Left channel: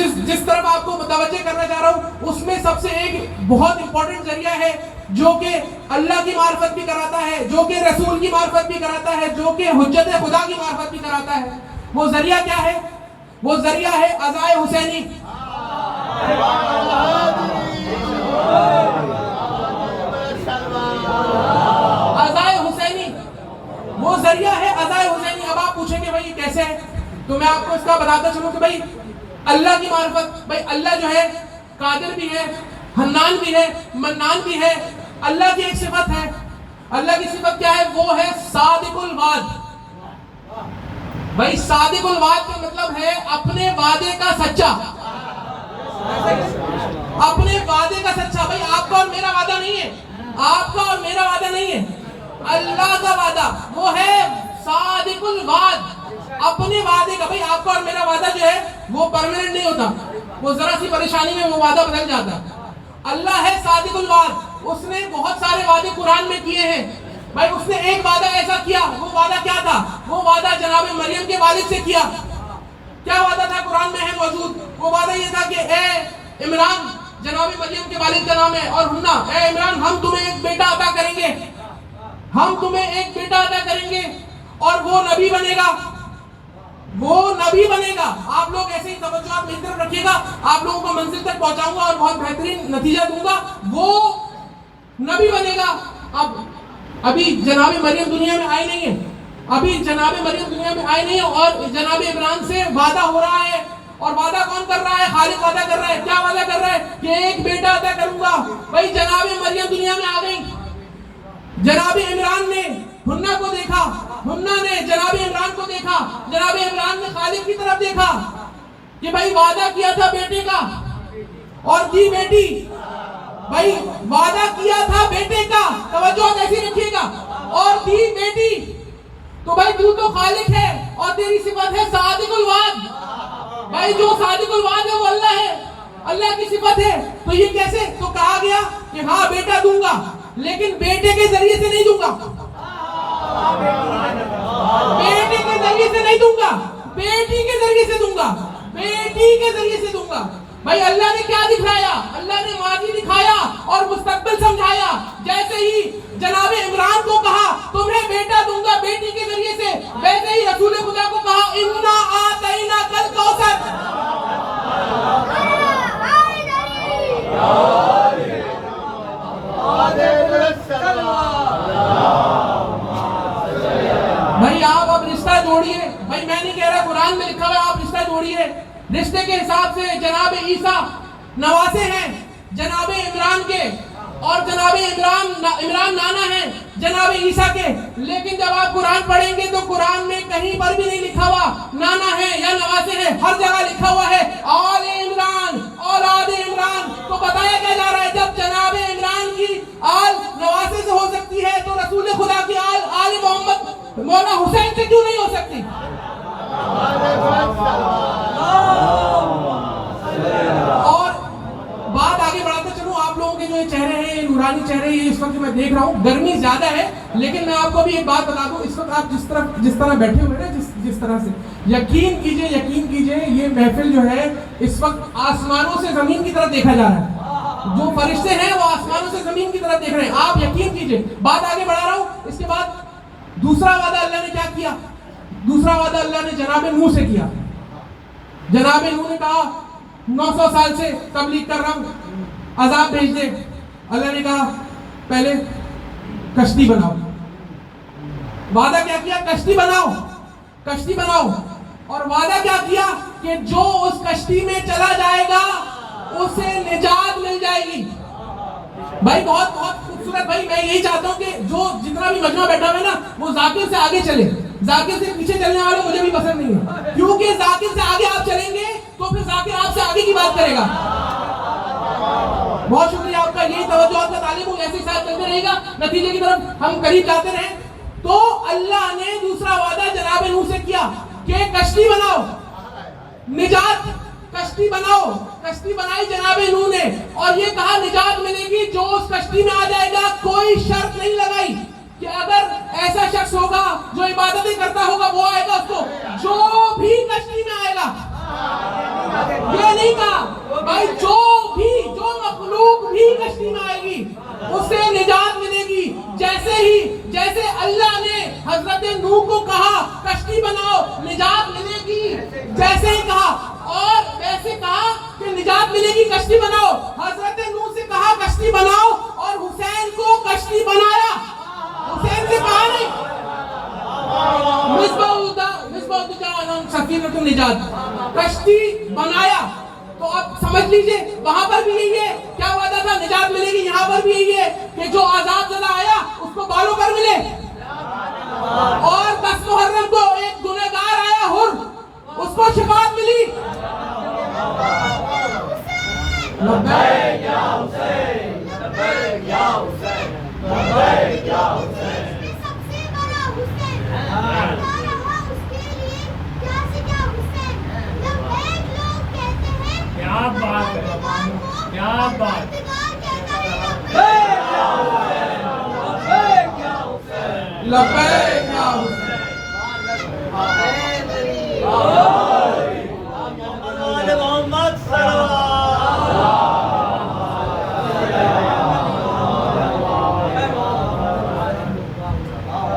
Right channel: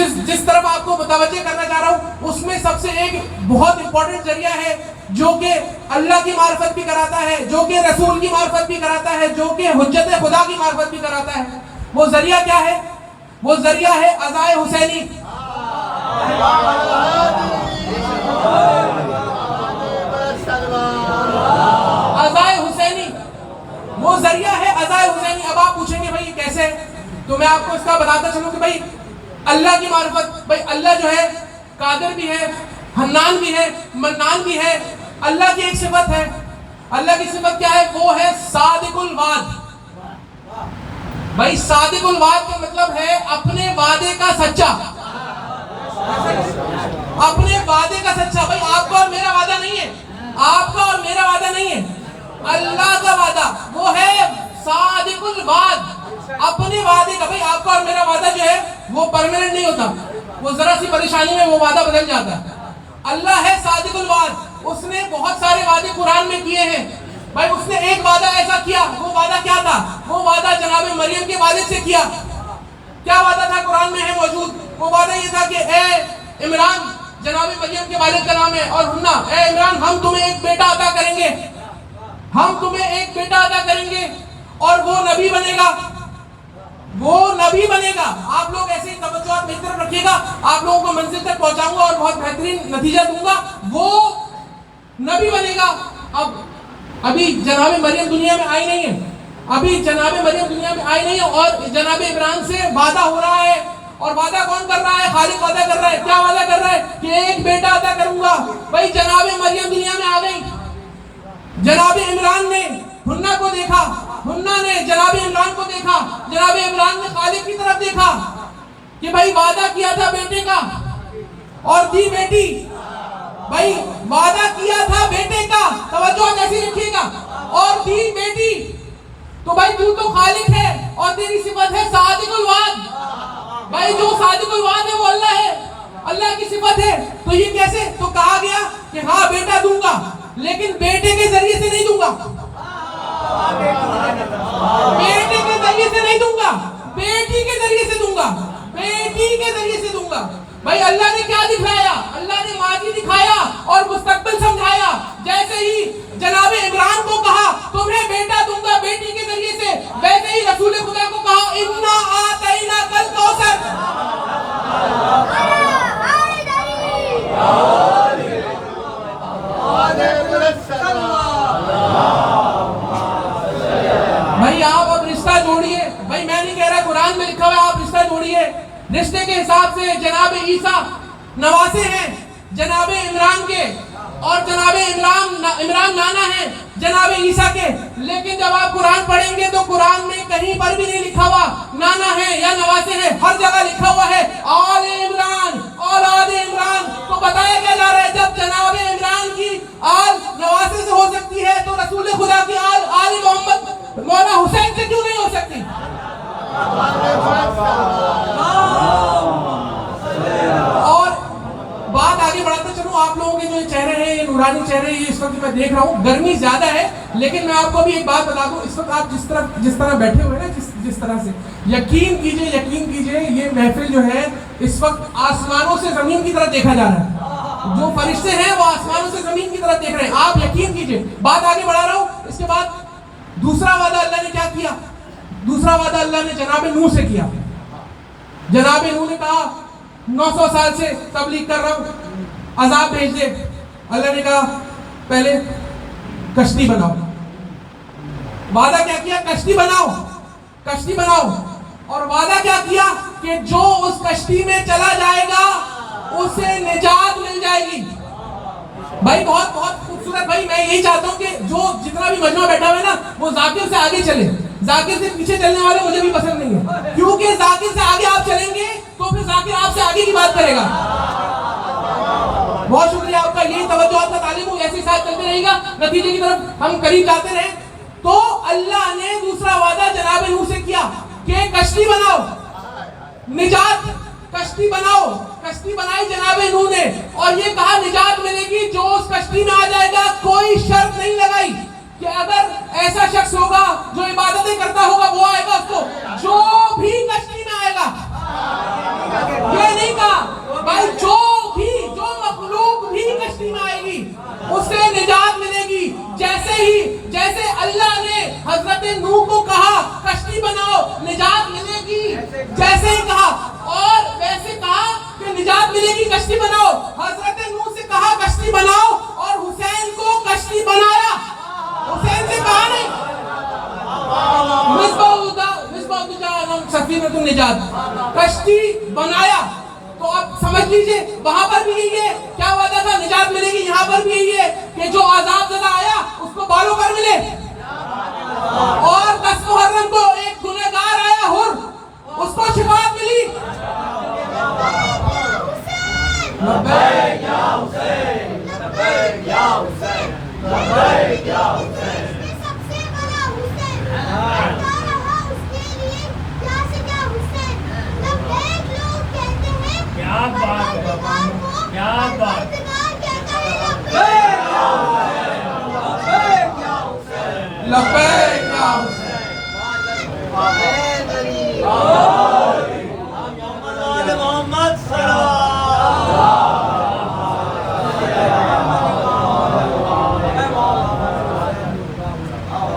जिस तरफ आपको मुतवज्जे करना चाह रहा हूँ, उसमें सबसे एक बहुत इंपॉर्टेंट जरिया है जो कि अल्लाह की मार्फत भी कराता है, जो कि रसूल की मार्फत भी कराता है, जो कि हुज्जत खुदा की मार्फत भी कराता है। वो जरिया क्या है? वो जरिया है अज़ाए हुसैनी। अज़ाए हुसैनी वो जरिया है, अज़ाए हुसैनी। अब आप पूछेंगे भाई कैसे, तो मैं आपको इसका बताता चलूं कि भाई अल्लाह की मार्फत, भाई अल्लाह जो है कादिर भी है, हन्नान भी है, मन्नान भी है। अल्लाह की एक सिफत है, अल्लाह की सिफत क्या है? वो है सादिकुल वाद। भाई सादिकुल वाद का मतलब है अपने वादे का सच्चा, अपने वादे का सच्चा। भाई आपका और मेरा वादा नहीं है, आपका और मेरा वादा नहीं है, अल्लाह का वादा वो है सादिकुल वाद, अपने वादे का। भाई आपका और मेरा वादा जो है वो परमानेंट नहीं होता, वो जरा सी परेशानी में वो वादा बदल जाता। अल्लाह है सादिकुल वाद, उसने बहुत सारे वादे कुरान में किए हैं। भाई उसने एक वादा ऐसा किया, वो वादा क्या था? वो वादा जनाब मरियम के वालिद से किया। क्या वादा था? कुरान में है मौजूद। वो वादा ये था कि ए इमरान, जनाब मरियम के वालिद का नाम है, और हुन्ना, ए इमरान हम तुम्हें एक बेटा अता करेंगे, हम तुम्हें एक बेटा अता करेंगे और वो नबी बनेगा, वो नबी बनेगा। आप लोग ऐसे ही तवज्जो मेरी तरफ रखिएगा, आप लोगों को मंजिल तक पहुंचाऊंगा और बहुत बेहतरीन नतीजा दूंगा। वो नबी बनेगा। अब अभी जनाब मरियम दुनिया में आई नहीं है, अभी जनाब मरियम दुनिया में आई नहीं है, और जनाब इमरान से वादा हो रहा है। और वादा कौन कर रहा है? खालिक वादा कर रहा है। क्या वादा कर रहा है? कि एक बेटा अता करूंगा। भाई जनाब मरियम दुनिया में आ गई, जनाब इमरान ने हुन्ना को देखा, हुन्ना ने जनाब इमरान को देखा, जनाब इमरान ने खालिक की तरफ देखा कि भाई वादा किया था बेटे का और दी बेटी। भाई वादा किया था बेटे का, तवज्जो कैसी रखिएगा, और दी बेटी। तो भाई तू तो खालिक है और तेरी सिफत है सादिकुल वाद। भाई जो सादिकुल वाद है वो अल्लाह है, अल्लाह की सिफत है। तो ये कैसे? तो कहा गया कि हाँ बेटा दूंगा, लेकिन बेटे के जरिए से नहीं दूंगा, बेटे के जरिए से नहीं दूंगा, बेटी के जरिए से दूंगा, बेटी के जरिए से दूंगा। भाई अल्लाह ने क्या दिखाया? अल्लाह ने माजी दिखाया और मुस्तकबिल समझाया। जैसे ही जनाब इमरान को कहा तुम्हें बेटा दूंगा बेटी के जरिए से, वैसे ही रसूल खुदा को कहा इन्ना आतैना कल कौसर। भाई आप अब रिश्ता जोड़िए। भाई मैं नहीं कह रहा, कुरान में लिखा हुआ है, आप रिश्ता जोड़िए। रिश्ते के हिसाब से जनाब ईसा नवासे हैं जनाब इमरान के, और जनाब इमरान नाना है जनाब ईसा के। लेकिन जब आप कुरान पढ़ेंगे तो कुरान में कहीं पर भी नहीं लिखा हुआ नाना है या नवासे है, हर जगह लिखा हुआ है आले इमरान, औलाद इमरान। तो बताया क्या जा रहा है? जब जनाब इमरान की आल नवासे से हो सकती है तो रसूल खुदा की आल आले मोहम्मद मौला हुसैन से क्यों नहीं हो सकती? और बात आगे बढ़ाते चलूं, आप लोगों के जो ये चेहरे हैं, ये नूरानी चेहरे, ये इस वक्त मैं देख रहा हूँ, गर्मी ज्यादा है, लेकिन मैं आपको भी एक बात बता दूं, इस वक्त आप जिस तरह बैठे हुए हैं ना, जिस तरह से, यकीन कीजिए ये महफिल जो है इस वक्त आसमानों से जमीन की तरफ देखा जा रहा है। जो फरिश्ते हैं वो आसमानों से जमीन की तरफ देख रहे हैं। आप यकीन कीजिए। बात आगे बढ़ा रहा हूँ। इसके बाद दूसरा वादा अल्लाह ने क्या किया? दूसरा वादा अल्लाह ने जनाब नूह से किया। जनाब नूह ने कहा 900 साल से तबलीग कर रहा हूं, अजाब भेज दे। अल्लाह ने कहा पहले कश्ती बनाओ। वादा क्या किया? कश्ती बनाओ, कश्ती बनाओ। और वादा क्या किया कि जो उस कश्ती में चला जाएगा उसे निजात मिल जाएगी। भाई बहुत बहुत खूबसूरत। भाई मैं यही चाहता हूं कि जो जितना भी मजमा बैठा हुआ है ना, वो जाकिर से आगे चले, जाकिर से पीछे चलने वाले मुझे भी पसंद नहीं है, क्योंकि जाकिर से आगे आप चलेंगे तो फिर जाकिर आपसे आगे की बात करेगा। बहुत शुक्रिया आपका, यही तवज्जो आपका तालीम ऐसे साथ चलते रहेगा, नतीजे की तरफ हम करीब जाते रहे। तो अल्लाह ने दूसरा वादा जनाब नूह से किया कि कश्ती बनाओ, निजात, कश्ती बनाओ। कश्ती बनाई जनाब नूह ने, और ये कहा निजात मिलेगी जो उस कश्ती में आ जाएगा। कोई शर्त नहीं लगाई कि अगर ऐसा शख्स होगा जो इबादतें करता होगा वो आएगा, उसको जो भी कश्ती में आएगा। ये नहीं हजरत नूह को कहा कश्ती बनाओ निजात मिलेगी, जैसे ही कहा और वैसे कहा कि निजात मिलेगी कश्ती बनाओ। हजरत नूह से कहा कश्ती बनाओ और हुसैन को कश्ती बनाया। हुसैन से कहा नहीं सफीनतुन निजात, कश्ती बनाया। तो आप समझ लीजिए वहां पर भी यही है, क्या वादा था निजात मिलेगी, यहाँ पर भी यही है कि जो आजाद ज़दा आया उसको बालों पर मिले। और 10 मुहर्रम को एक गुनहगार आया हुर, उसको शिफाअत मिली। लब्बैक या हुसैन, लब्बैक या हुसैन, लब्बैक या हुसैन। सबसे बड़ा हुसैन रहा उसके लिए क्या से क्या हुसैन। लब्बैक लोग कहते हैं क्या बात है, क्या बात है। लब्बैक या हुसैन, लब्बैक या हुसैन, लब्बैक या हुसैन। मोहम्मद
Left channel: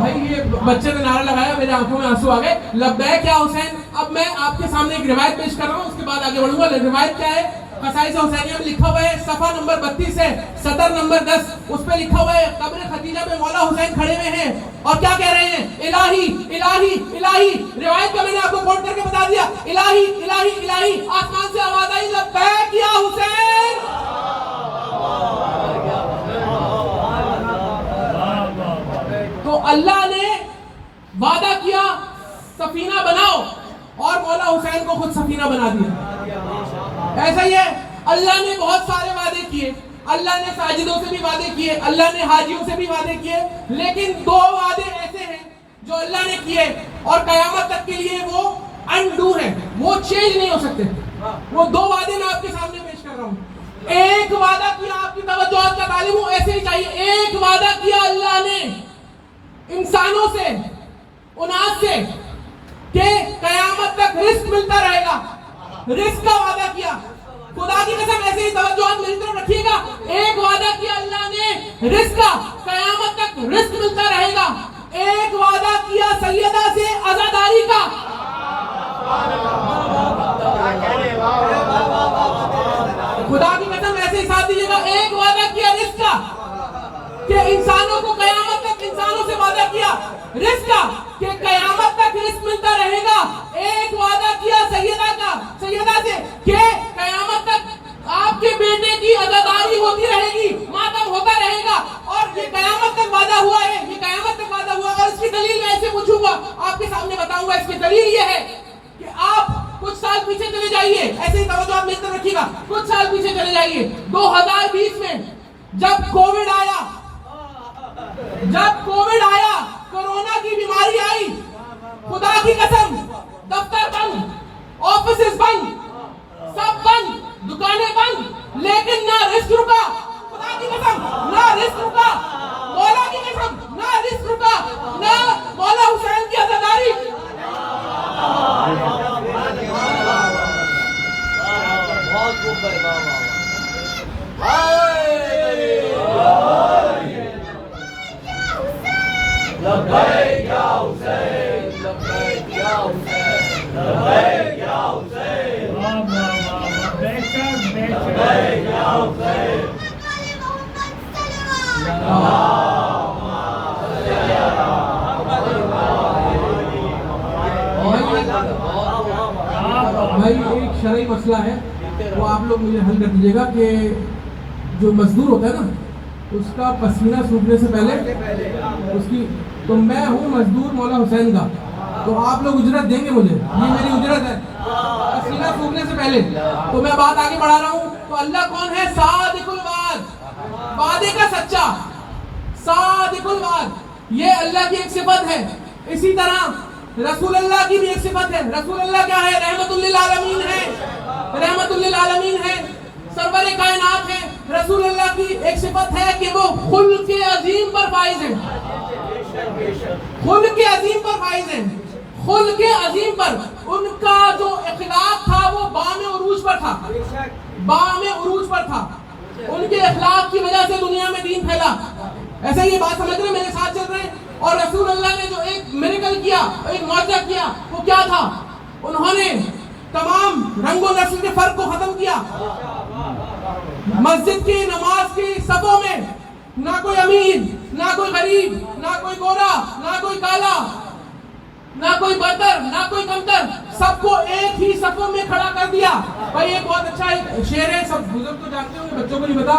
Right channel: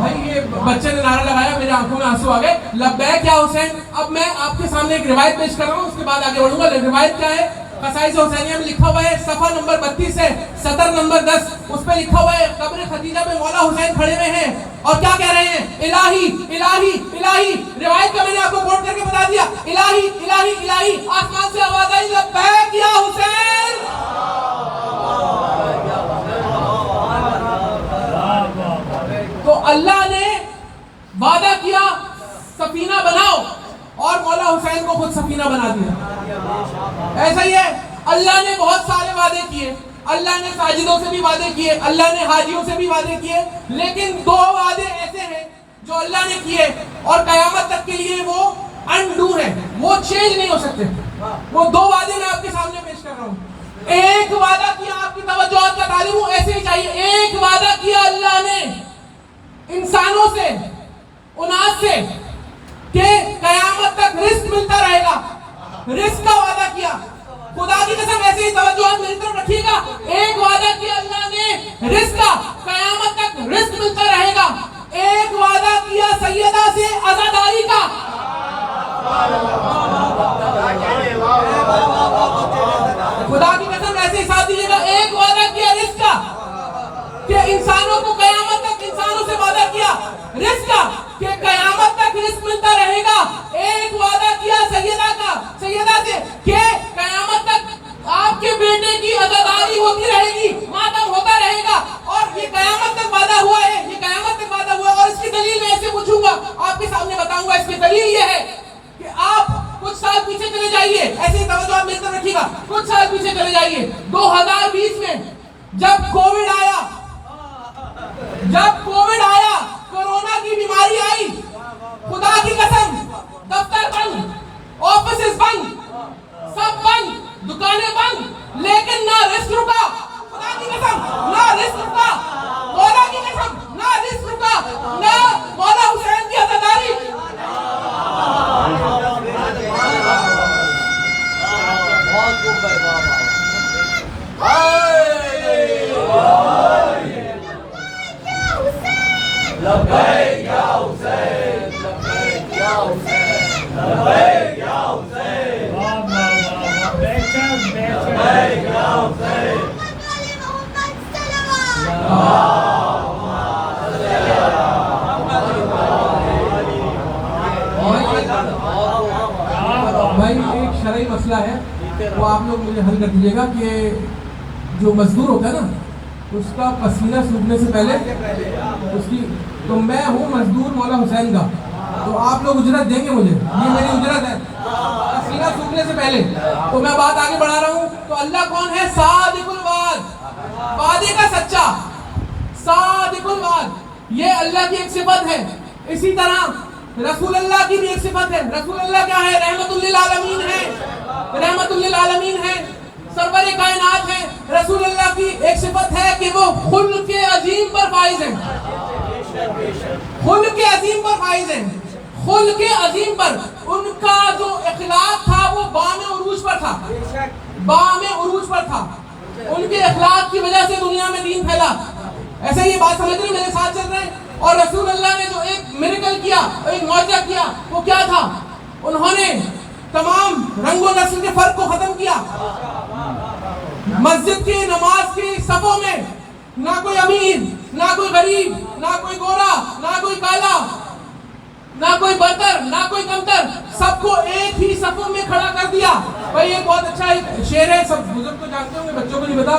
भाई ये बच्चे ने नारा लगाया, मेरी आंखों में आंसू आ गए। लब्बैक या हुसैन। अब मैं आपके सामने एक रिवायत पेश कर रहा हूँ, उसके बाद आगे बढ़ूंगा। रिवायत क्या है? कसाइस हुसैनिया में लिखा हुआ है, सफा नंबर 32 है, सदर नंबर 10, उस पे लिखा हुआ है कब्र खदीजा पे मौला हुसैन खड़े हुए हैं और क्या कह रहे हैं? इलाही इलाही इलाही। रिवायत का मैंने आपको कोट करके बता दिया। इलाही इलाही इलाही। आसमान से आवाज आई लब्बैक या हुसैन। तो अल्लाह ने वादा किया सफीना बनाओ और मौला हुसैन को खुद सफीना बना दिया। ऐसा ही है, अल्लाह ने बहुत सारे वादे किए। अल्लाह ने साजिदों से भी वादे किए, अल्लाह ने हाजियों से भी वादे किए, लेकिन 2 वादे ऐसे हैं जो अल्लाह ने किए और कयामत तक के लिए वो अनडू है, वो चेंज नहीं हो सकते। वो 2 वादे मैं आपके सामने पेश कर रहा हूँ। एक वादा किया, आपकी तवज्जो का तालिम हो ऐसे ही चाहिए। एक वादा किया अल्लाह ने इंसानों से, उनास से, कि कयामत तक रिस्क मिलता रहेगा। रिस्क का वादा किया। खुदा की कसम ऐसे ही तवज्जो मेरी तरफ रखिएगा। एक वादा किया अल्लाह ने रिस्क का, कयामत तक रिस्क मिलता रहेगा। एक वादा किया सैयदा से आजादारी का। खुदा की कसम ऐसे ही साथ दीजिएगा। एक वादा किया रिस्क का, कि इंसानों को कयामत तक, इंसानों से वादा किया रिस्क का कि कयामत तक रिस्क मिलता रहेगा। एक वादा किया सैयदा का, सैयदा से, कि कयामत तक आपके बेटे की आजादारी होती रहेगी, मातम होता रहेगा। और ये कयामत तक वादा हुआ है, ये कयामत तक वादा हुआ। और इसकी दलील मैं ऐसे पूछूंगा, आपके सामने बताऊंगा। इसकी दलील ये है कि आप कुछ साल पीछे चले जाइए, ऐसे तवज्जो आप मेरी तरफ रखिएगा। कुछ साल पीछे चले जाइए, 2020 में जब कोविड आया, कोरोना की बीमारी आई, खुदा की कसम दफ्तर बंद, ऑफिसेस बंद, सब बंद, दुकानें बंद, लेकिन ना रिस्क रुका। खुदा की कसम ना रिस्क रुका, मौला की कसम ना रिस्क रुका, ना मौला हुसैन की आजादारी। बहुत खूब भाई, लब्बैक या हुसैन, लब्बैक या हुसैन, लब्बैक या हुसैन, लब्बैक या हुसैन। भाई एक शरई मसला है, वो आप लोग मुझे हल कर दीजिएगा कि जो मजदूर होता है ना, उसका पसीना सूखने से पहले उसकी, तो मैं हूँ मजदूर मौला हुसैन का, तो आप लोग उजरत देंगे मुझे, ये मेरी उजरत है पसीना सूखने से पहले। तो मैं बात आगे बढ़ा रहा हूँ। तो अल्लाह कौन है? सादिकुल वाद, वादे का सच्चा, सादिकुल वाद, ये अल्लाह की एक सिफत है। इसी तरह रसूल अल्लाह की भी एक सिफत है। रसूल अल्लाह क्या है? रहमतुल लिल आलमीन है, रहमतुल लिल आलमीन है, सरवर कायनात है। रसूल अल्लाह की एक सिफत है कि वो खुल्क अजीम पर फाइज है, खुल्क अजीम पर फाइज है, खुल्क अजीम पर। उनका जो इखलाक था वो बामे उरूज पर था, बामे उरूज पर था। उनके इखलाक की वजह से दुनिया में दीन फैला। ऐसे ही बात समझ रहे हैं, मेरे साथ चल रहे हैं। और रसूल अल्लाह ने जो एक मिरेकल किया, एक मौजज़ा किया, वो क्या था? उन्होंने तमाम रंगो नस्ल के फर्क को खत्म किया। मस्जिद की नमाज की सफों में ना कोई अमीर, ना कोई गरीब, ना कोई गोरा, ना कोई काला, ना कोई बरतर, ना कोई कमतर, सबको एक ही सफों में खड़ा कर दिया। भाई एक बहुत अच्छा एक शेर है, सब बुजुर्ग तो जानते होंगे, बच्चों को नहीं पता,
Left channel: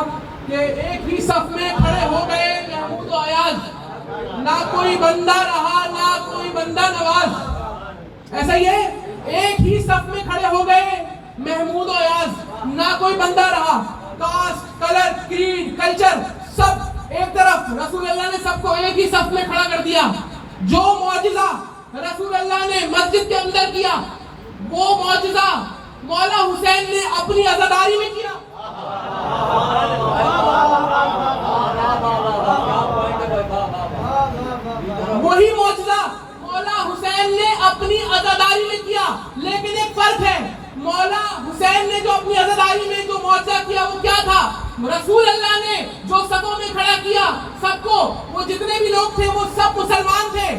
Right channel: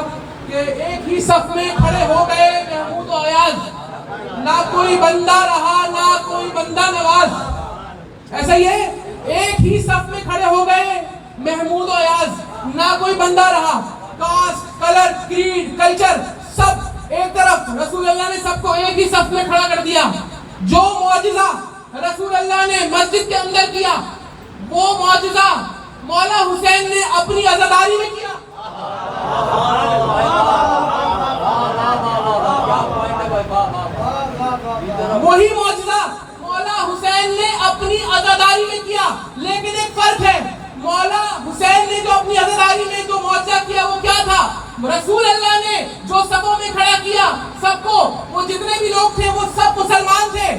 कि एक ही सफ में खड़े हो गए महमूद और अयाज, ना कोई बंदा रहा, ना कोई बंदा नवाज। ऐसा ही है, एक ही सफ में खड़े हो गए महमूद और अयाज, ना कोई बंदा रहा। कास्ट, कलर, क्रीड, कल्चर सब एक तरफ। रसूल अल्लाह ने सबको एक ही सफ में खड़ा कर दिया। जो मौजज़ा रसूल अल्लाह ने मस्जिद के अंदर किया, वो मौजज़ा मौला हुसैन ने अपनी अज़ादारी में किया। वही मौजज़ा मौला हुसैन ने अपनी अज़ादारी में किया। लेकिन एक फर्क है, मौला हुसैन ने जो अपनी अज़ादारी में जो मौजज़ा किया वो क्या था? रसूल अल्लाह ने जो सबों में खड़ा किया सबको, वो जितने भी लोग थे वो सब मुसलमान थे,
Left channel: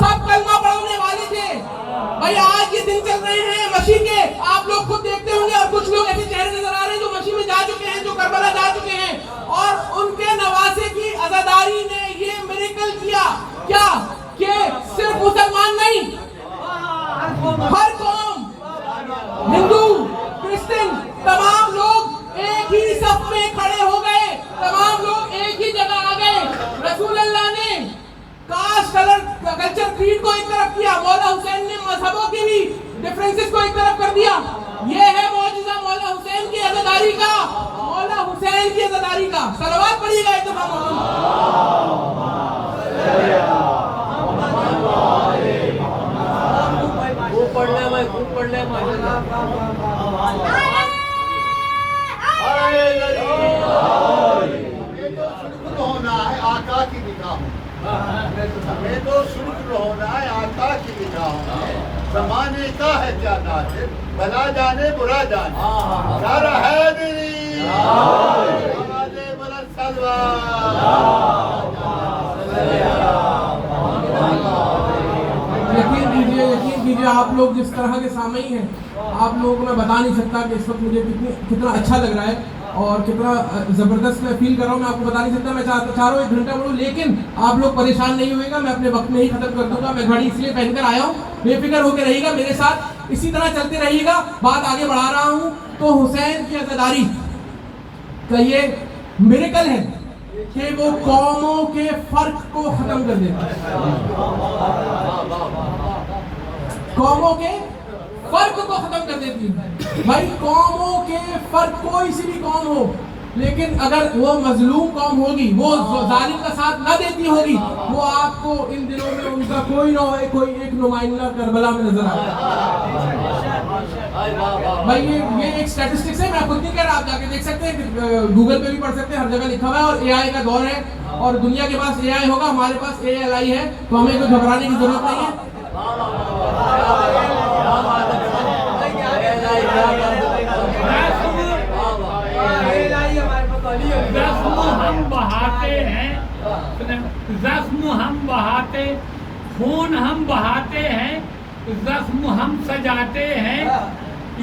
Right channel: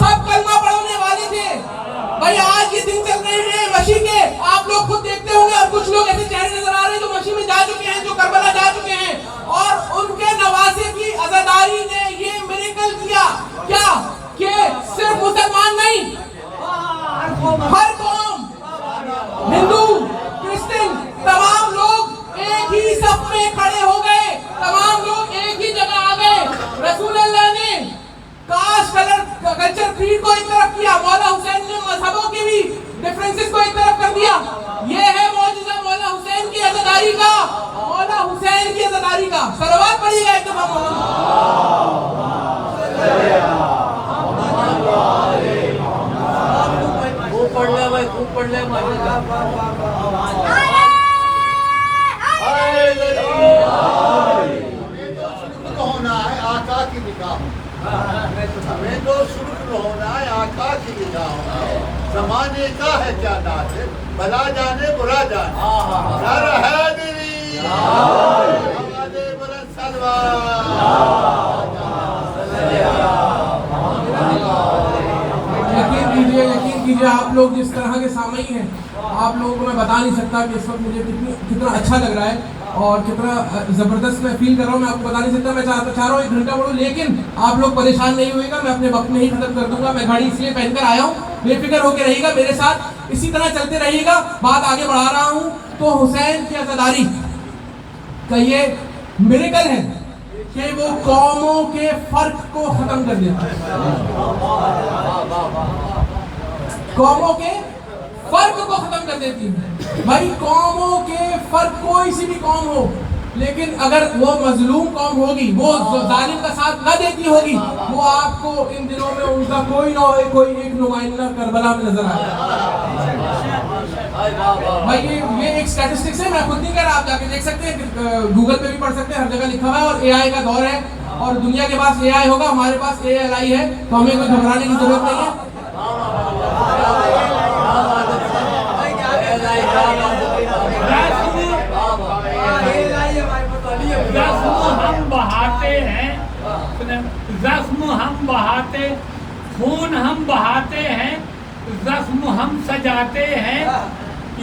सब कलमा पढ़ने वाले थे। भाई आज ये दिन चल रहे हैं मशी के, आप लोग खुद देखते होंगे, और कुछ लोग ऐसे चेहरे नजर आ रहे हैं जो मशी में जा चुके हैं, जो करबला जा चुके हैं, और उनके नवासे की अज़ादारी ने ये मिरेकल किया। क्या कि सिर्फ मुसलमान नहीं, हर कौम, हिंदू, क्रिश्चियन, तमाम लोग एक ही सफ में खड़े हो गए, तमाम लोग एक ही जगह आ गए। रसूल अल्लाह ने कास्ट, कलर, कल्चर, क्रीड को एक तरफ किया, मौला हुसैन ने मजहबों के भी डिफरेंसेस को एक तरफ कर दिया। ये है मौजज़ा मौला हुसैन की अज़ादारी का, मौला हुसैन की अज़ादारी का। सलवात पढ़िएगा एक दफा। खूब पढ़ ले भाई, खूब पढ़ ले भाई। होना है आका की निगाह में, हमें तो शुक्र होना है आका की निगाह में। ज़माने का है क्या नाज, भला जाने बुरा जाने, सर हैदरी आवाज़े बुलंद सलवात। यकीन कीजिए आप लोग जिस तरह के सामईन हैं, आप लोगों को मैं बता नहीं सकता कि इस वक्त मुझे कितना अच्छा लग रहा है और कितना ज़बरदस्त मैं फील कर रहा हूँ। मैं आपको बता नहीं सकता। मैं चाह रहा हूँ 1 घंटा पढ़ूँ, लेकिन आप लोग परेशान नहीं होइएगा, मैं अपने वक्त में ही खत्म कर दूंगा। मैं घड़ी इसलिए पहनकर आया हूँ, बेफिक्र होकर रहिएगा, मेरे साथ इसी तरह चलते रहिएगा। बात आगे बढ़ा रहा हूँ। तो हुसैन की अज़ादारी का ये मिरेकल है कि वो कौमों के फर्क को खत्म कर देता है। कौमों के फर्क को खत्म कर देती है। भाई कौमों के फर्क, कोई सी भी कौम हो, लेकिन अगर वो मजलूम कौम होगी, वो जालिम का साथ न देती होगी, वो आपको इन दिनों में उनका कोई ना कोई एक नुमाइंदा करबला में नजर आए। भाई ये एक स्टैटिस्टिक्स है, मैं खुद नहीं कह रहा, आप जाके देख सकते हैं, गूगल पे भी पढ़ सकते हैं, हर जगह लिखा हुआ है। और एआई का दौर है और दुनिया के पास एआई होगा, हमारे पास एएलआई है, तो हमें कोई घबराने की जरूरत नहीं है। हम बहाते हैं, जख्म हम बहाते, खून हम बहाते हैं, जख्म हम सजाते हैं।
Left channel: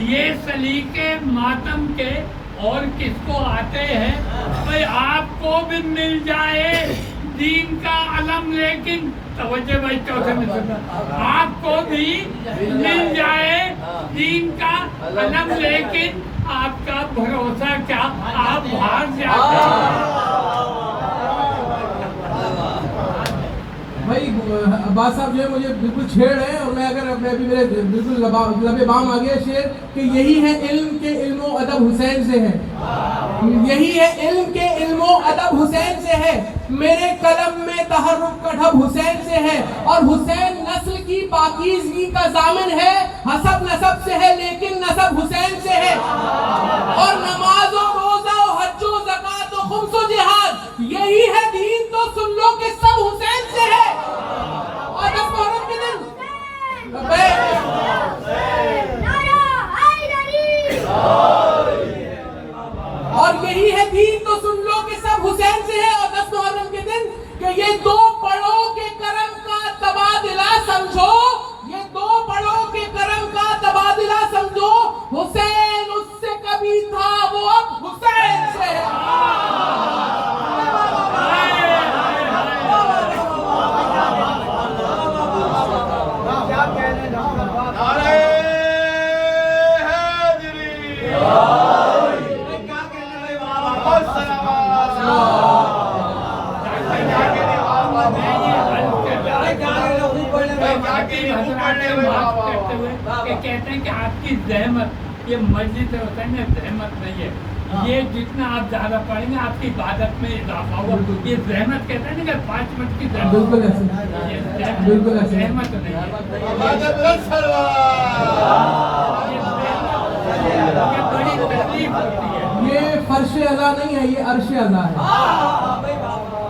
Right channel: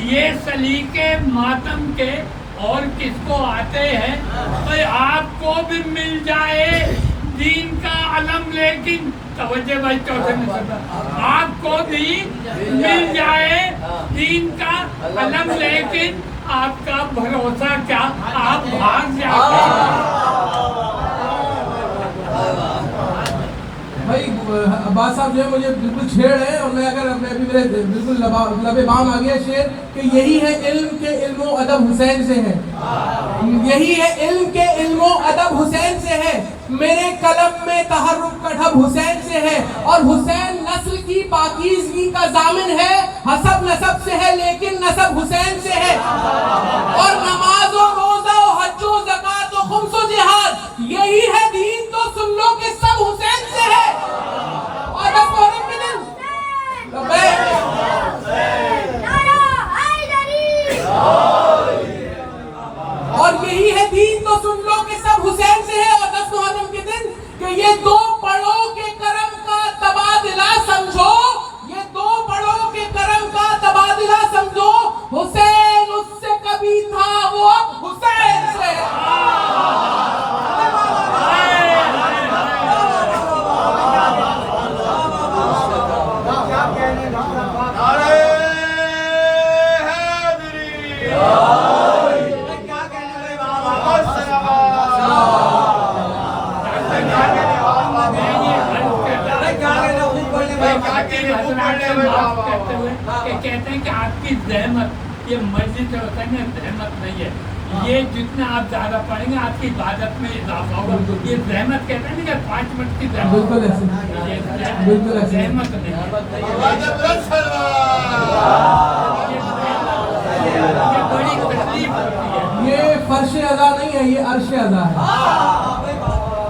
ये सलीके मातम के और किसको आते हैं? तो आपको भी मिल जाए दीन का अलम, लेकिन तवज्जो भाई, आपको भी मिल जाए दीन का अलम, लेकिन आपका भरोसा क्या, आप भाग जाते। भाई अब्बास साहब जो है मुझे बिल्कुल छेड़ है, और मैं भी मेरे बिल्कुल लबे बाम आ गया शेर कि यही है इल्म के इल्मो अदब हुसैन से है, यही है इल्म के इल्मो अदब हुसैन से है, मेरे कलम में तहर्रुक का ढब हुसैन से है, और हुसैन नस्ल की पाकीज़गी का जामिन है, हसब नसब से है लेकिन नसब हुसैन से है, और नमाज और रोजा और हज और ज़कात और खुम्स और जिहाद, यही है दीन तो सुन लो कि सब हुसैन से है। और अब मुहर्रम के दिन और यही है दीन तो सुन लो कि सब हुसैन से है। और 10 मुहर्रम के दिन कि ये 2 पढ़ रहमत ये मस्जिद होता है ना, रहमत नहीं है। ये जितना आप ज्यादा पढ़ेंगे आपकी इबादत में इजाफा होगा। ये रहमत कहते हैं ना कि 5 मिनट की बिल्कुल ऐसे। बिल्कुल ऐसे। रहमत नहीं है। आवाज़ बुलंद ये बड़ी तकलीफ होती है। ये फर्श अज़ा नहीं है, ये अर्श अज़ा है।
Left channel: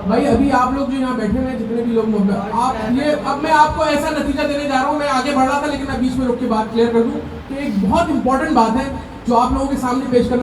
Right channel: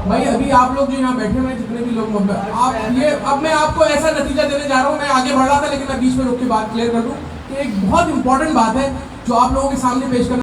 भाई अभी आप लोग जो यहाँ बैठे हुए हैं, जितने भी लोग आप ये, अब मैं आपको ऐसा नतीजा देने जा रहा हूँ। मैं आगे बढ़ रहा था लेकिन मैं बीच में रोक के बात क्लियर कर दूँ कि एक बहुत इंपॉर्टेंट बात है जो आप लोगों के सामने पेश कर